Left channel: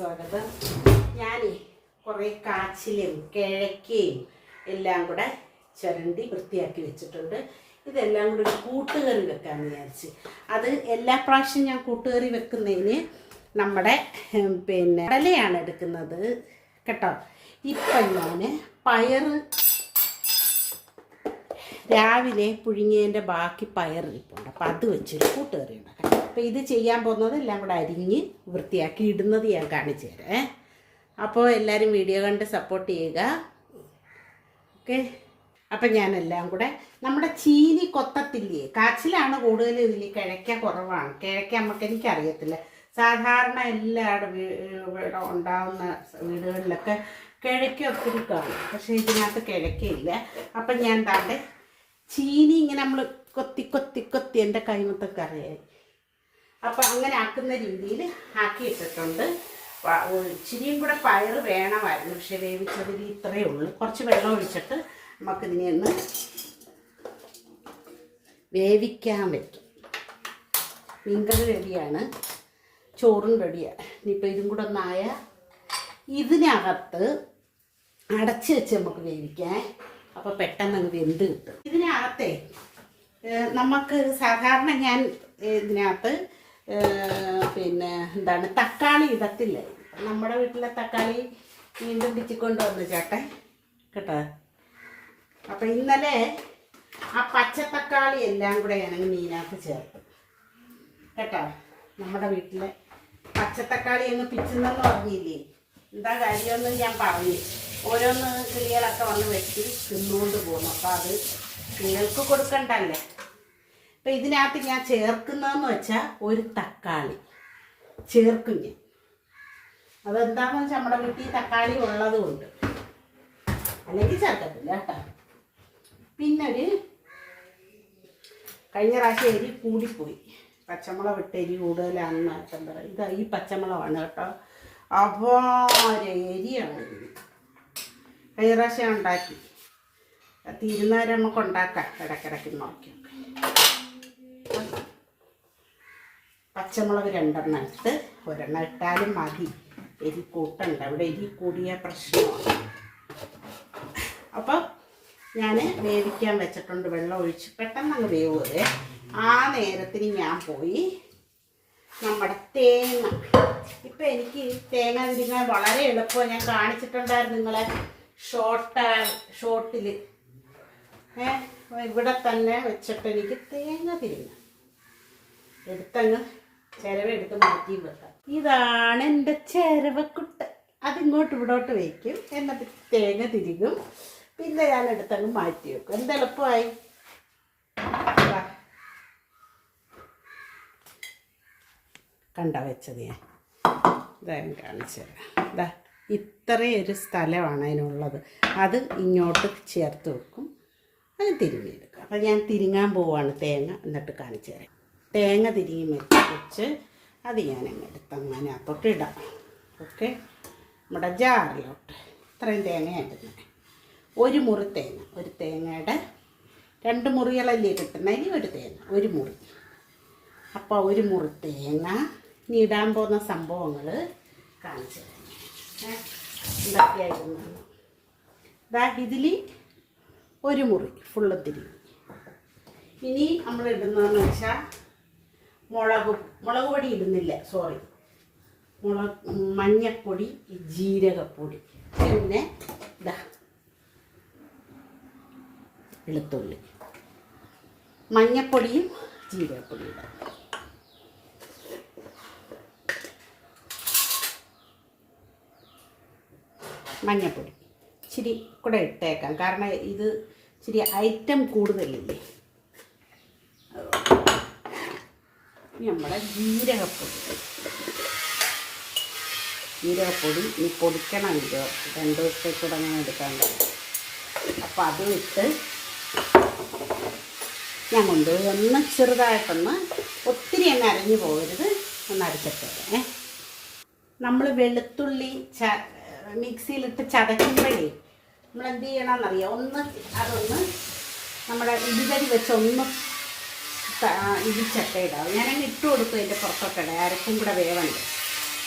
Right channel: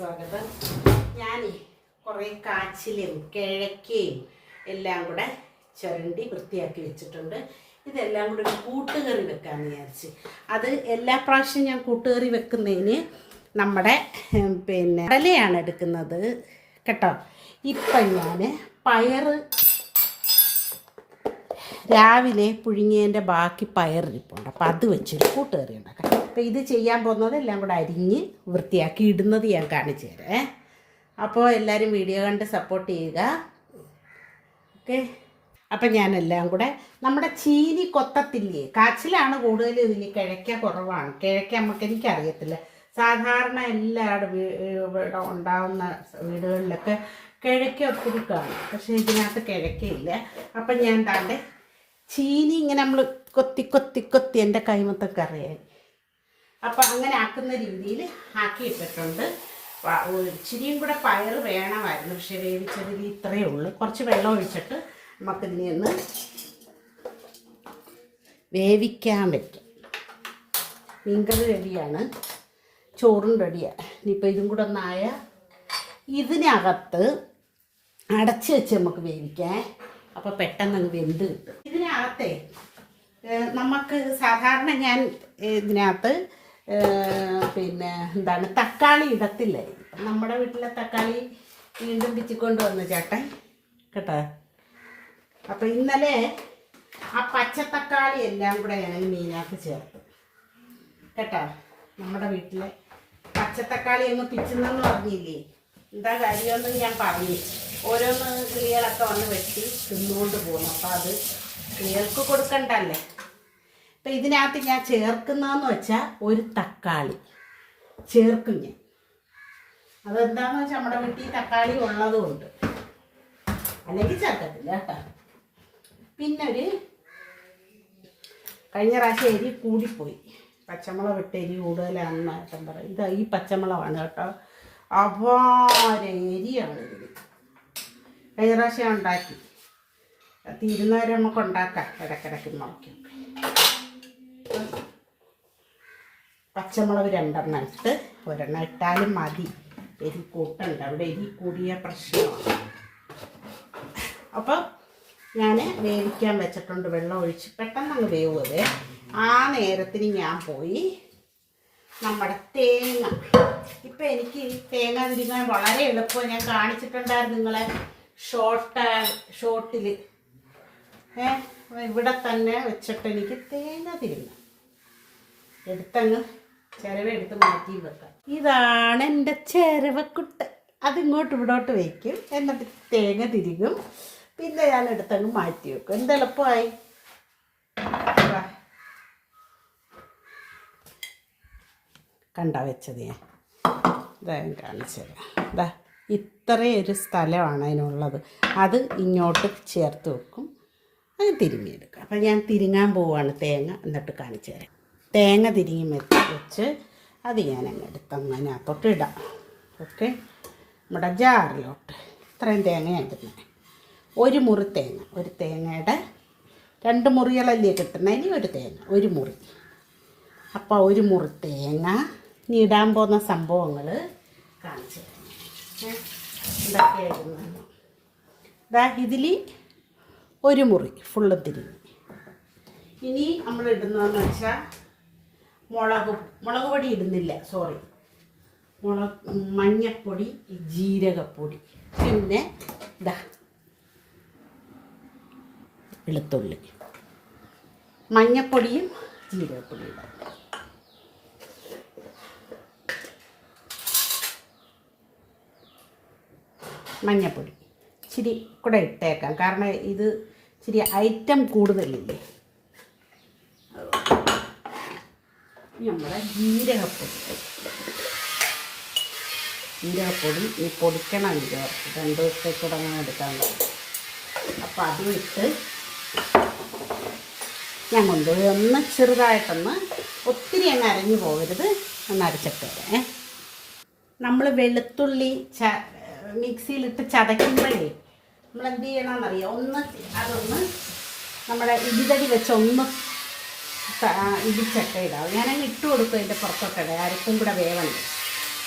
സ്വാഗതം. ഞാൻ കുറേ കാച്ചിലും കിഴക്കയും എല്ലാം കൂടെ ചുരണ്ടി വൃത്തിയാക്കി വെച്ചിട്ടുണ്ട്. ഇതെല്ലാം കൂടെ ഒരു കൂട്ടുകറി വെക്കാമെന്ന് വിചാരിച്ച്. അത് എല്ലാ പ്രാവശ്യം ഞാൻ കൂട്ടുകറി വെക്കുന്നതിന് നമ്മുടെ പിന്നെ കടലയാണ് എടുക്കുന്നത് കേട്ടോ. ഇപ്പം ഞാൻ പയറ് രാവിലെ പുഴുങ്ങിയതിന്റെ ബാക്കി പയറിരിപ്പുണ്ട് അപ്പം അത് വെച്ചൊരു കൂട്ടുകറി ഉണ്ടാക്കാം അപ്പോൾ ഇത് ചെയ്യാൻ പോകുന്നത് എല്ലാം കൂടെ അരിഞ്ഞ് വൃത്തിയാക്കി ഇടുന്നത് ഞാൻ കാണിച്ചു തരാം അപ്പോൾ എല്ലാവരും വീഡിയോ കണ്ട് സപ്പോർട്ട് ചെയ്യുക. ഓക്കെ. അപ്പം ഞാനെല്ലാം കൂടെ നമ്മുടെ ചീനി കൊത്തത്തില്ലേ? കാച്ചിലാണ് കൂടുതൽ ഇതിൽ കിഴക്ക കുറവാണ്. കിഴക്ക നമുക്ക് എനിക്കറിയത്തില്ല. സാധാരണ എല്ലാവരുടെ ഇവിടെ ഉണ്ടാകുന്ന വീടുകളിലൊക്കെ കിഴക്ക ഒത്തിരി കാണും. പക്ഷേ ഇതിനകത്ത് കിഴക്കയില്ല. അപ്പം ഞാൻ താണ്ടെ ചീനി ഇങ്ങനെ നമ്മൾ കൊത്തി കൊത്തി കൊത്തി എന്റെ കൈമത്തൊക്കെ അറിയാം അപ്പം അങ്ങനെ ആക്കുന്ന രീതിയിൽ ആക്കിയിട്ടിട്ടുണ്ട്. ഇച്ചിരിയും കൂടെ പയർ വേണമായിരുന്നു. പക്ഷെ വേവിച്ചതിൽ ഇത്രയേ ഉള്ളൂ. കുറച്ച് വെള്ളം ഒഴിച്ചിട്ട് നമുക്കിതിനെ ഒന്ന് വേവിക്കാൻ പറ്റും മീൻകറി റെഡിയാണ്. ചോറും റെഡിയാണ് ഇനിയിപ്പോൾ ഇതും കൂടെ ഒന്നായ ഇതിനകത്ത് അടച്ച് വെച്ച് നമുക്ക് വേവിക്കാൻ. അപ്പോൾ പെട്ടെന്ന് അങ്ങ് വെന്ത് കിട്ടും. ഇതിനകത്തെ നമുക്ക് സാധാരണ ഞാൻ ഇതിനകത്ത് പിന്നെ എന്താണ്? തക്കാളി ഇടത്തില്ലേ? നമ്മുടെ വീട്ടിലെ തക്കാളി വീണ്ടും പിച്ചിക്കൊണ്ട് വന്നു ചേട്ടൻ. കേട്ടോ? അപ്പം ഇന്നലെ ആ പച്ചത്തക്കാളി എല്ലാം കൂടെ ഞാൻ മീനാക്ക് ചേർത്ത്. കേട്ടോ? നമ്മുടെ വീട്ടിലെ പച്ചത്തക്കാളി അങ്ങ് പിച്ചുന്നെന്ന് പറഞ്ഞില്ലേ? എന്താ കാര്യമൊന്നും ഞാൻ പറഞ്ഞു. ഓരോന്ന് കിളികളൊക്കെ വന്ന് വെട്ടി തിന്നുകൊണ്ട് പോകും അപ്പം അത് കിളികൾക്ക് കൊടുക്കണ്ടല്ലേ? അപ്പം ഇതിനകത്ത് ഞാൻ ചേർക്കുന്നതെന്ന് വെച്ചാൽ ഒരു തക്കാളി. ചേർക്കും ഞാൻ അതെന്താണെന്ന് വെച്ചാൽ നമ്മുടെ വീട്ടിൽ തക്കാളി ഉള്ളതുകൊണ്ട്. അല്ലെങ്കിൽ ചേർക്കത്തില്ല കേട്ടോ. പിന്നെ ഒരു കഴിഞ്ഞ പ്രാവശ്യം എരി കൂടിപ്പോയി. പച്ചമുളക് ഇട്ട് എരി കൂടുതലാണെന്ന് ഏട്ടൻ പറയും ഇത് ഈ പച്ചമുളകാണ് കേട്ടോ. അപാര കഴിഞ്ഞ പ്രാവശ്യം ഉണ്ടാക്കി. തീരുന്നവരെ നമുക്ക് ഉണ്ടാക്കാം. ഇടയ്ക്കിടയ്ക്ക് നോക്കി പച്ചമുളക് രണ്ടെണ്ണം ഇട്ട് ഒരെണ്ണം ഇട്ടാലും മതി. എരി കൂട്ടണ്ട. ഇവിടെ എരി കൂടിയ പ്രശ്നമാണ്. അപ്പോൾ ഞാൻ വേവിക്കാൻ വെച്ചിട്ടുണ്ട് വെള്ളം ഒഴിച്ച് പെട്ടെന്ന് വേവുന്നത് ആ നേരത്തിന് ഞാൻ പോയി നമ്മുടെ തേങ്ങ. ഇപ്പം എനിക്ക് തേങ്ങ തിരിക്കാൻ വളരെ എളുപ്പം ഞാൻ കാണിച്ചിട്ടുണ്ടായിരുന്നു നിങ്ങളെ ഷോർട്ട് ഷോർട്ടിൽ ഇവിടെ തന്നെ വെച്ചിട്ട് എനിക്ക് തേങ്ങ തിരിഞ്ഞ എടുത്തങ്ങ് ചിരവ എടുത്ത് വെക്കാം. ഇതാണ് എന്റെ ചിരവക്കുട്ട. അതിങ്ങോട്ട് ഇവിടോട്ട് വയ്ക്കും. എന്നിട്ട് തേങ്ങ തിരികും. പിന്നെ ഞാൻ എടുത്തങ്ങ് മാറ്റി വെക്കും. എന്ത് എളുപ്പമായി? ദാ. കണ്ട വെച്ചത് ഞാൻ? ഇതാ ഞാൻ കാണിച്ചത് ഇതാ ഒരു സ്ഥലമാണ് അതിനുള്ളത്. അത് ഇങ്ങോട്ട് ചേർത്ത് വെക്കും. അത് തിരിഞ്ഞെടുക്കുക അപ്പം ഞാൻ തിരിങ്ങാൻ പോവാണ് തേങ്ങ. എന്നിട്ട് കാണിച്ചു തരാം. തേങ്ങ തിരിങ്ങി വെച്ച് വെച്ച് അത് ഞാൻ അങ്ങ് എടുത്ത് അങ്ങനെ അകത്തോട്ട് ഇടാം. ഓക്കെ? നമ്മുടെ ജാറിലോട്ട്. ഇത്രയും തേങ്ങയാണ് ഇടുന്നത് ഒരു മുറി തേങ്ങ. ഒരു തേങ്ങയുടെ രണ്ട് മുറികളല്ലേ കിട്ടുന്നത് ഇനി ഒരു തേങ്ങ. ഒരു മുറി. അപ്പോൾ ഒരു മുറി തേങ്ങ. ഇനി ഇടാൻ പോകുന്ന സംഭവങ്ങൾ കാണിച്ചു ഇതൊക്കെയായിരുന്നു. ഇതാ ഇതിൽ ഒരു മുറി. ഫുള്ള് തിരി ഇനി നമ്മൾ ഇടുന്നതെന്ന് വെച്ചാൽ മുളക് മുളക് പൊടി ഇടുന്നില്ല സോറി മുളക് മഞ്ഞപ്പൊടി ജീരകപ്പൊടി. പിന്നെ വെളുത്തുള്ളി. മഞ്ഞപ്പൊടിയും ജീരകപ്പൊടിയും ഇടാം. മഞ്ഞപ്പൊടി. ഇച്ചിരി കൂടെ ഇട്ടേക്കാം. കാരണം ഇത് ഇച്ചിരി ഐറ്റം കൂടുതലില്ലേ ഇനി നമ്മുടെ ജീരകപ്പൊടി. ജീരകപ്പൊടി ഈ പൊടിക്കണം രണ്ടു ദിവസത്തേക്കൂടെ അങ്ങനെ എടുക്കാൻ അപ്പം അതും ഇട്ട് ഞാൻ കൊണ്ടുപോയി ഒന്ന് ചെറുതായിട്ടൊന്ന് ഒത്തിരി അങ്ങ് അരഞ്ഞു പോകരുത്. ഒന്ന് അരച്ചിട്ട് നമ്മൾ വെളുത്തുള്ളി ച മിക്സിയിലിട്ട് ചതയ്ക്കുമ്പോഴേ നമ്മൾ എന്ത് ചെയ്യണമെന്നറിയാം ഒന്ന് അതൊന്ന് നമ്മുടെ ഇടിതടി വെച്ച് ഒന്ന് ത- ചട്ട ഇടാം. ഞാനങ്ങ് ഇട്ട് കൊടുക്കും അതിന്റെ പുറത്തൊക്കെ ഇടാം. അരക്കും കൂടെ വേവണം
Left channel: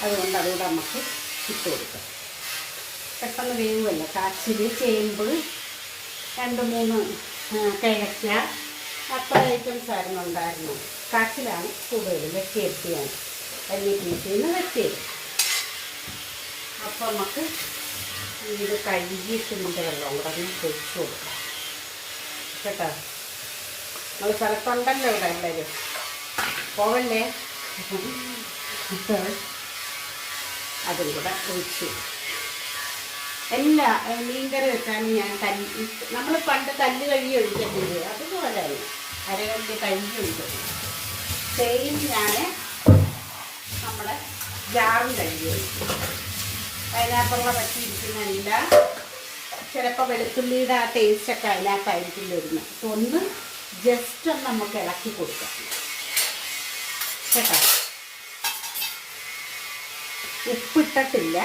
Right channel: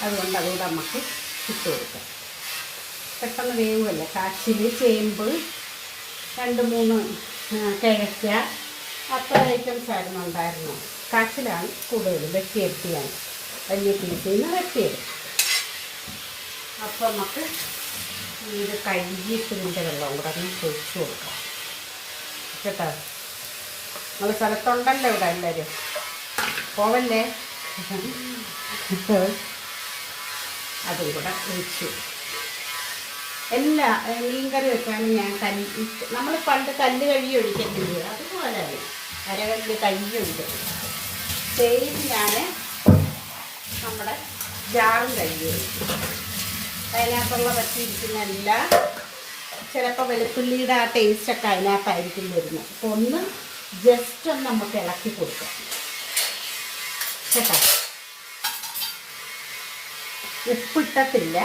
അതുകൊണ്ട് അതുകൂടെ നമുക്ക് ഇട്ട് കൊടുക്കാം. പെട്ടെന്ന് വേവുമല്ലോ. കാച്ചിൽ ചേമ്പ് രണ്ട് മൂന്ന് കിഴക്ക അത്ര ഐറ്റംസ് ആയിരുന്നു ഉണ്ടായിരുന്നു കാച്ചിലാണ് കൂടുതൽ എത്തിയാണ് വലിയ പീസിൽ നിന്ന് വെട്ടിയത്. അപ്പോൾ നമുക്ക് ഇത് കഴുകിയിട്ട് വെള്ളം കൂടെ ഒന്ന് കൊടുക്കാം. കേട്ടോ? നിങ്ങൾ സ്ഥലത്തുണ്ടല്ലോ ഇവിടെ എല്ലാവരും. പോവല്ലേ? അതും കൂടെ ഒഴിച്ചു. എല്ലാ മീൻകറി വെച്ചാണ് ഞാൻ തല്ലി നമ്മൾ പണ്ട് തല്ല് കഴുകി ഒഴിക്കുന്നത് അതുപോലെയാണ് അരകല്ല് കഴുകി ഒഴിക്കുന്നത് സെയിം ഞാൻ നമ്മുടെ ജാറും കഴുകി ഒഴിക്കും അതിനകത്തുള്ള പറ്റിയിരിക്കുന്ന എല്ലാ ചിലപ്പോൾ വെളുത്തുള്ളിയുടെ ആ ടേസ്റ്റൊക്കെ അതിനകത്തായിരിക്കും വരുന്നത്. അപ്പോൾ ഒന്ന് ജസ്റ്റ് ഒന്ന് നമുക്ക് ഇളക്കി കൊടുക്കാം. കേട്ടോ? ഉപ്പിട്ടിട്ടില്ല.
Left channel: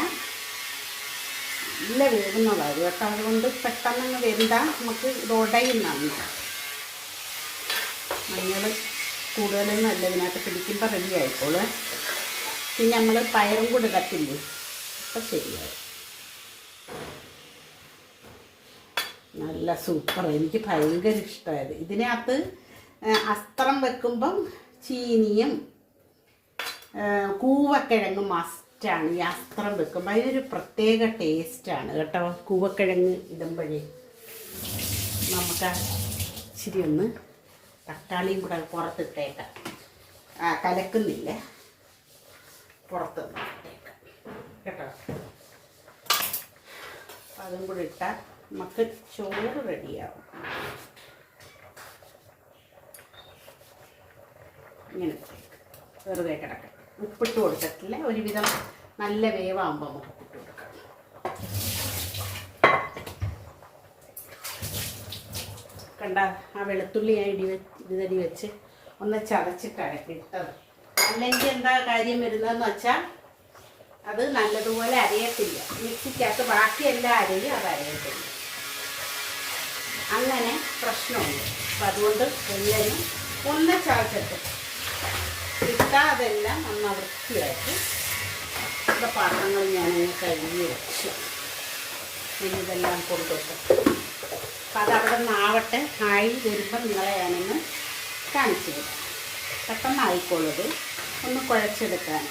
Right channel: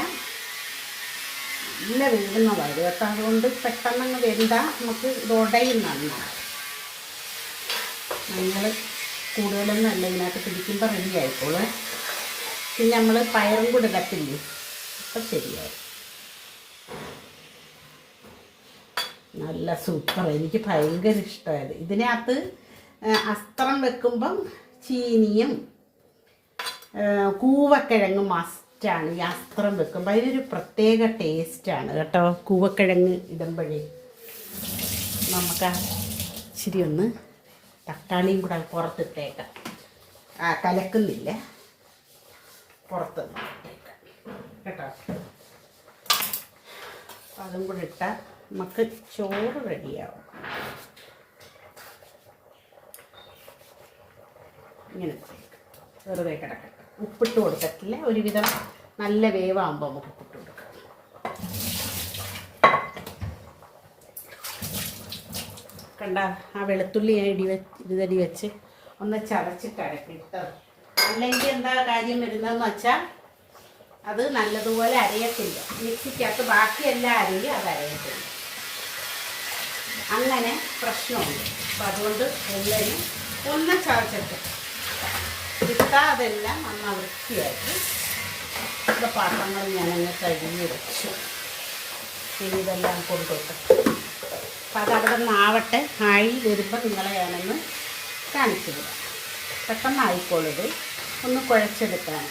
നല്ല വേവുന്നതാണ് കേട്ടോ. അതുകൊണ്ട് പെട്ടെന്ന് വെന്താൽ നമുക്ക് ഇത് ഉടയും നന്നു. മഞ്ഞൾ കൂടുതലൊന്നും അല്ല ഇതിനകത്ത് പിടിക്കുമ്പോൾ റെഡി ആയിക്കോളൂ പിന്നെ നമ്മൾ പയറും കൂടെ ഇടത്തില്ലേ? അപ്പം ശരിയാവും നല്ല സൂപ്പർ. എനിക്ക് ഭയങ്കര ഇഷ്ടമായത് ഇതിനകത്ത് അസ്ത്രം വെക്കുമ്പം ചീനിയും കൂവക്കിഴങ്ങ് മസ്റ്റാണ്. ഈ അസ്ത്രം വെക്കുമ്പോൾ അതിനൊരു പ്രത്യേക ടേസ്റ്റാണ് കേട്ടോ. കൂവക്കിഴങ്ങ് ഇടുമ്പോഴേ. നമുക്ക് ശരി ഒന്ന് തക്കാളിയും കൂടെ പുറത്തിട്ടേക്കാം. ആ കലക്കുന്നില്ല? പുറത്ത് കേട്ടോ? അതും കൂടെ ഇട്ടാൽ നമുക്ക് ചോറ് റെഡിയാവും. ഇങ്ങനെ ഇട്ടേക്കാം. വെറുതെ കിടക്കാം. ഉപ്പിട്ട് കൊടുത്തിട്ടില്ല. ഒരുവിധം നല്ല വേവാകുമ്പോൾ നമുക്ക് ഉപ്പിട്ട് കൊടുക്കാം. കണ്ട ആ വെളുത്തുള്ളി ഞാൻ ഇടി ഇതടി വെച്ച് ഒന്ന് ചതച്ചിട്ടാണ് ഇട്ടത് അല്ലെങ്കിൽ എന്താ കാര്യം വരുന്നതെന്ന് വെച്ചാൽ അത് നല്ലതുപോലെ അരയത്തില്ല. മിക്സിക്കകത്ത് ബാക്കിയെല്ലാം അരയും അത് അരയത്തില്ല അങ്ങനെ പ്രശ്നമുണ്ട്. അപ്പം അതുകൊണ്ട് എല്ലാവരും ഒന്ന് ചതച്ചിട്ട് കിട്ടാതെല്ലാം നന്ന വൃത്തിയായിട്ട് ഇവിടെ പാത്രങ്ങൾ ഞാനങ്ങ് കഴുകി വെച്ചു. പിന്നെ ഇതെല്ലാം കൊണ്ടുപോയിട്ട് അപ്പം അതവിടെ നിന്നാവട്ടെ. ആയി വരുമ്പോൾ നിങ്ങളെ ഞാനൊന്ന് കാണിച്ചു വിടാം പെട്ടെന്ന് ആയിക്കോളൂ ഒന്ന് കുഴച്ചെടുക്കാൻ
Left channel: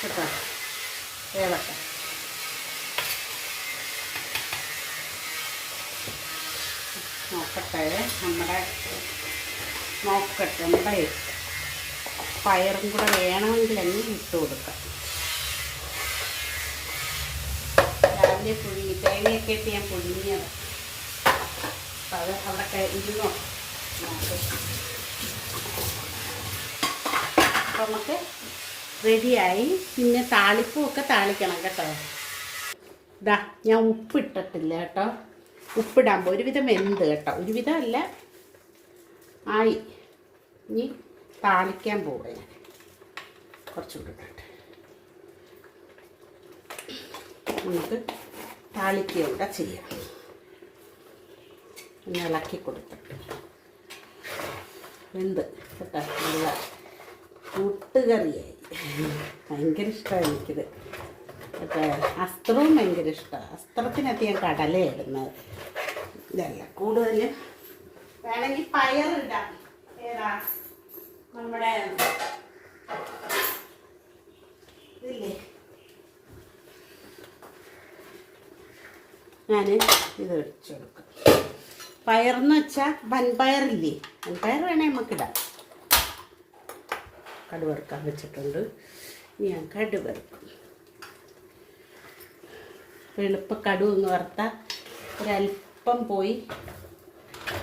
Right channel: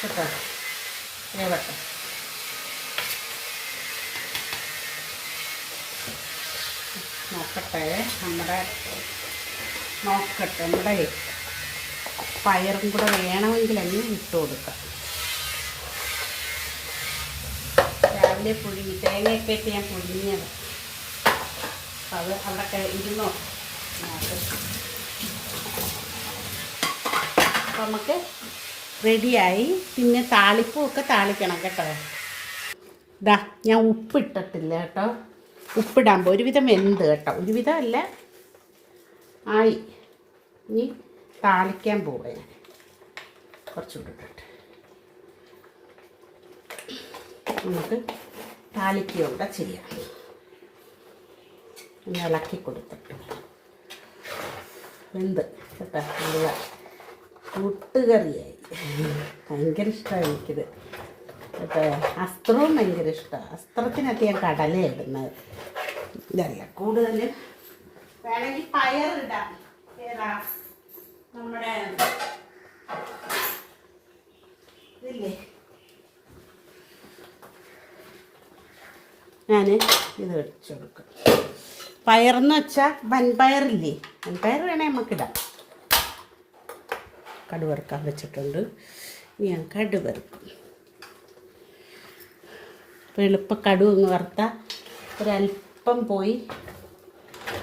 കേട്ടോ? വേവട്ടെ. നോക്കട്ടെ. നമ്മുടെ നോക്കട്ടെ. നമ്മുടെ പയറും കൂടെ വേണമെങ്കിൽ അങ്ങ് ഇട്ട് കൊടുക്കാം. രാവിലെ പുഴുങ്ങി തേങ്ങയൊക്കെ ഇട്ട് ഞാൻ പുഴുങ്ങിയത്. അപ്പോൾ അത് അവിടെ കഴിഞ്ഞോ ഇരുന്നോ? നോക്ക്. അപ്പൊ നമുക്ക് റെഡിയായി. പിന്നെ താളിപ്പൂ ഒക്കെ താളിക്കണം കേട്ടോ. ഇതാ ഞാൻ ഉപ്പിട്ടിട്ടില്ല കേട്ടോ. ഉപ്പിടാമ്പോൾ ഒരുവിധം വെന്ത് കേട്ടോ. ഒരുവിധം അല്ല. ആയി. ഇനി താളിക്കാൻ പോവുക ഞാൻ. കുറച്ചുകൂടെ ഇട്ടിട്ട് നമുക്ക് താളിക്കുകയൂടെ ചെയ്യാം. ഒന്ന് ഇളക്കി കൊടുത്തിട്ട്. എന്ത് കേട്ടോ. കൂട്ടുകറിയായി ഭയങ്കര ഇഷ്ടമാണ് എനിക്കിത്. അസ്ത്രവും ഭയങ്കര ഇഷ്ടമാണ് അസ്ത്രത്തിനൊക്കെ ഞാൻ കടല ഇടുന്നത് ഇതല്ല കൂടുതൽ വേണമെങ്കിൽ പയറിടാം നമ്മുടെ ഞാൻ ഇത് ഒഴിച്ചു കൊടുക്കാം. പയറെന്ന് വെച്ചാൽ വൻപയറില്ലേ? വൻപയർ വേണേൽ നമുക്കിടാം കടുവറുക്കാൻ വെച്ചിട്ടുണ്ട്. ഞാൻ കടുവറുക്കും. അപ്പോൾ കടു എന്ന് വറുത്ത ഒരല്പം പോയി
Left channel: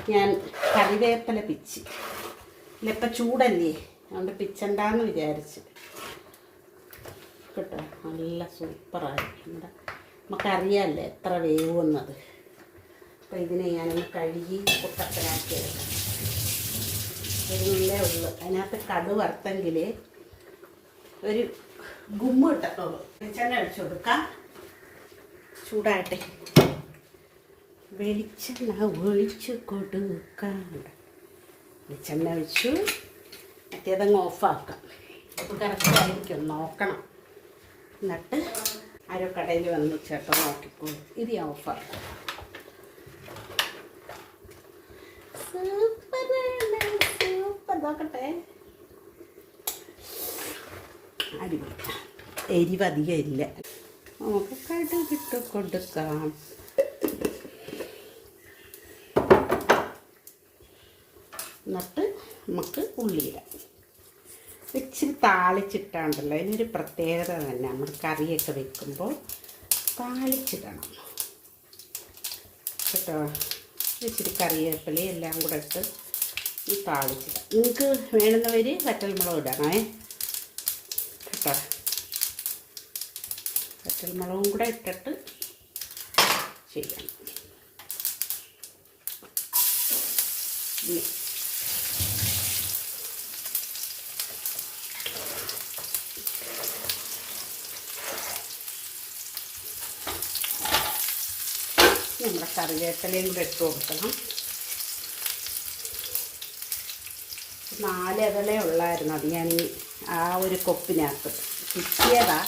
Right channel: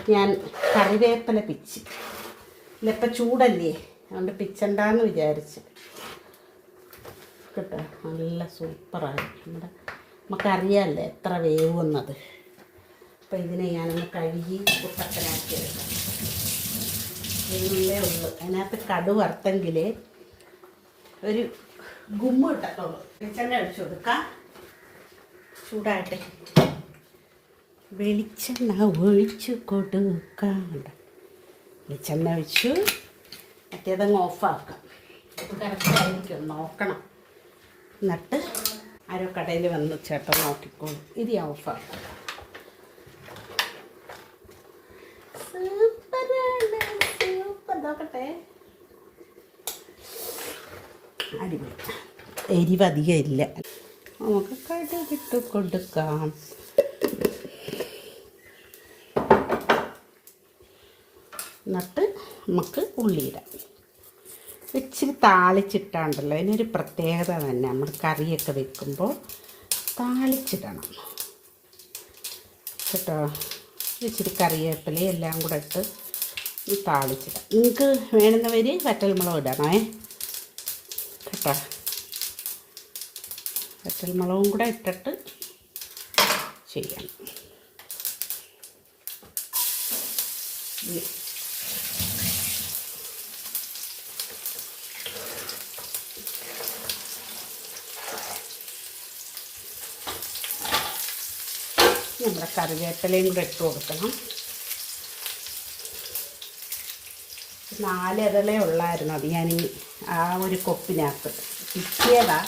ഞാൻ കറിവേപ്പില പിച്ച്. ഇല്ലിപ്പം ചൂടല്ലേ? അതുകൊണ്ട് പിച്ചണ്ടാന്ന് വിചാരിച്ച്. കേട്ടോ? നല്ല സൂപ്പറായി നമ്മുടെ നമുക്കറിയാമല്ലേ എത്ര വേവുന്നത്. അപ്പം ഇതിനെ ഞാനൊന്ന് കഴുകി കുട്ടപ്പനാക്കി എടുക്കാം. ഉള്ളൂ. അതിനകത്ത് കടു വറുത്തെങ്കിൽ ഒരു ഗുമ്മ ഇട്ടത്തുള്ളൂ വെളിച്ചെണ്ണ അടിച്ചു കൊടുക്കാം. ചൂടാകട്ടെ. വെളിച്ചെണ്ണ ഒഴിച്ചു കൊടുക്കാം വെളിച്ചെണ്ണ ഒഴിച്ചു. മറ്റേതങ്ങ് ഓഫാക്കാം. കറക്റ്റായിരിക്കും. നോക്കണം. എന്നിട്ട് ആരോ കടയിൽ വന്ന് ചേട്ടൻ നോക്കിക്കോളും. ഇത് ഞാൻ ഓഫാക്കും. സൂപ്പറാണ്. സൂപ്പർ. ഇല്ല. നമുക്ക് കടുകിട്ട് കൊടുക്കാം എന്നിട്ട് നമുക്ക് ഉള്ളിയിടാം. ഇച്ചിരി താളിച്ചിട്ടാണ്ടല്ലോ അതിനൊരു പ്രത്യേകത തന്നെ. നമ്മൾ കറിയൊക്കെ വെക്കുമ്പോൾ താളിച്ചിടണം. കേട്ടോ? ഇച്ചിരി കറിവേപ്പില എല്ലാം കൂടെ ഇട്ട് താളിച്ചിടാം. നിങ്ങൾക്ക് വേണ്ടുന്നവർ വറ്റൽമുളക് ഇടണേ. കേട്ടോ? വറ്റൽമുളകും കൂടെ ഇട്ടിട്ട് ചെയ്യണം. നമ്മുടെ കറിവേപ്പിലയും കൂടെ ഇട്ട് കൊടുക്കണം. നാല് ഇതളേ ഉള്ളായിരുന്നു അത് ഞാൻ ആ ഒരു കൊപ്പിനകത്ത്. പിച്ചിയതാ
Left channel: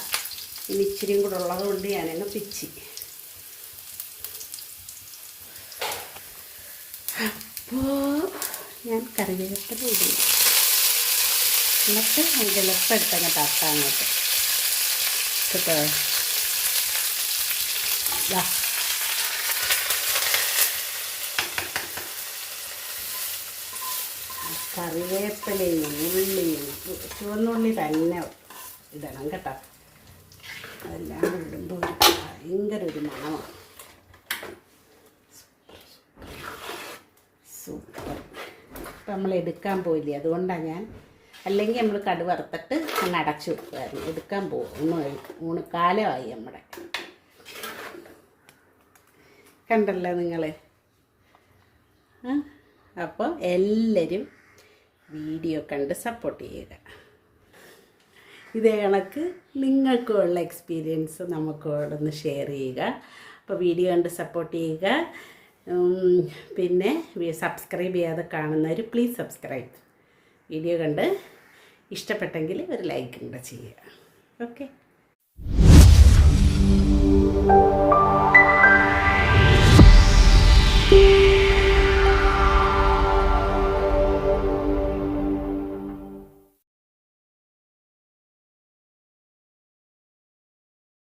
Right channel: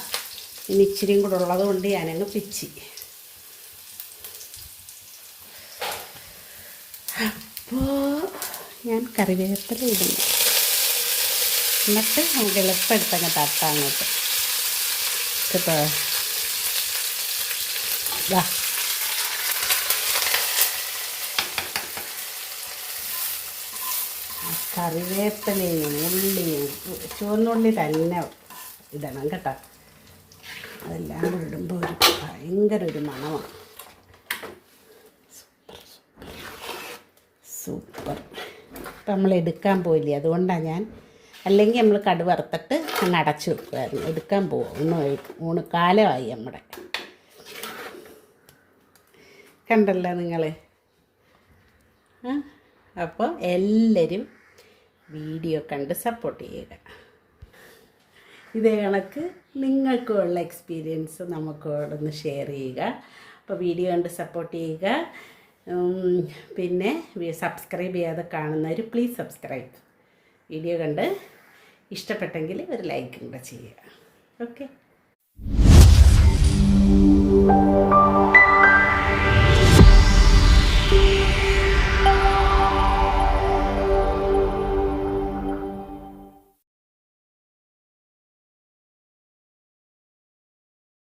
ഇനി ഇച്ചിരിയും കൂടെ ഉള്ളത് കൊണ്ട് ഞാനങ്ങ് പിച്ചി. അപ്പോൾ ഞാൻ കറിവേപ്പില ഇടുന്നു. എന്നിട്ട് വെളുപ്പെടുത്തങ്ങ് തട്ടാങ്ങോട്ട് കേട്ടോ വാ കറിവേപ്പിലയും ഉള്ളിയും ചുവന്നുള്ളി തന്നെ ഇടണം കേട്ടോ. അതെല്ലാം ഇടുമ്പോൾ ഒരു ഭയങ്കര ഒരു മണമാണ്. സൂപ്പർ. ഇപ്പം നമ്മൾ എടുക്കാൻ പോയില്ലേ? അതുകൊണ്ടാണ് ഞാൻ അല്ലെങ്കിൽ നമ്മൾ കടു വറുത്തിട്ട് അങ്ങ് അടച്ചു വെക്കുമായിരുന്നു എടുക്കാൻ പോകും ഊണ് ഊണ് കാലമായി നമ്മുടെ. കണ്ടല്ലോ നിങ്ങൾ അപ്പോൾ എല്ലാവരും വീഡിയോ കണ്ട് സപ്പോർട്ട് ചെയ്യുക. ഇത് കണക്ക് നിങ്ങൾക്കുള്ള എക്സ്പീരിയൻസ് നമുക്കോടൊന്ന് ഷെയർ ചെയ്യുക. അപ്പോൾ വീഡിയോ കണ്ട് സപ്പോർട്ട് ചെയ്യുക. പിന്നെ സബ്സ്ക്രൈബ് ചെയ്യാതെ കാണുന്നവർ പ്ലീസ് സബ്സ്ക്രൈബ് വീഡിയോ കണ്ട് ഇഷ്ടപ്പെട്ടെങ്കിൽ ഒരു ലൈക്ക് കൂടെ ചെയ്യുക. ഓക്കെ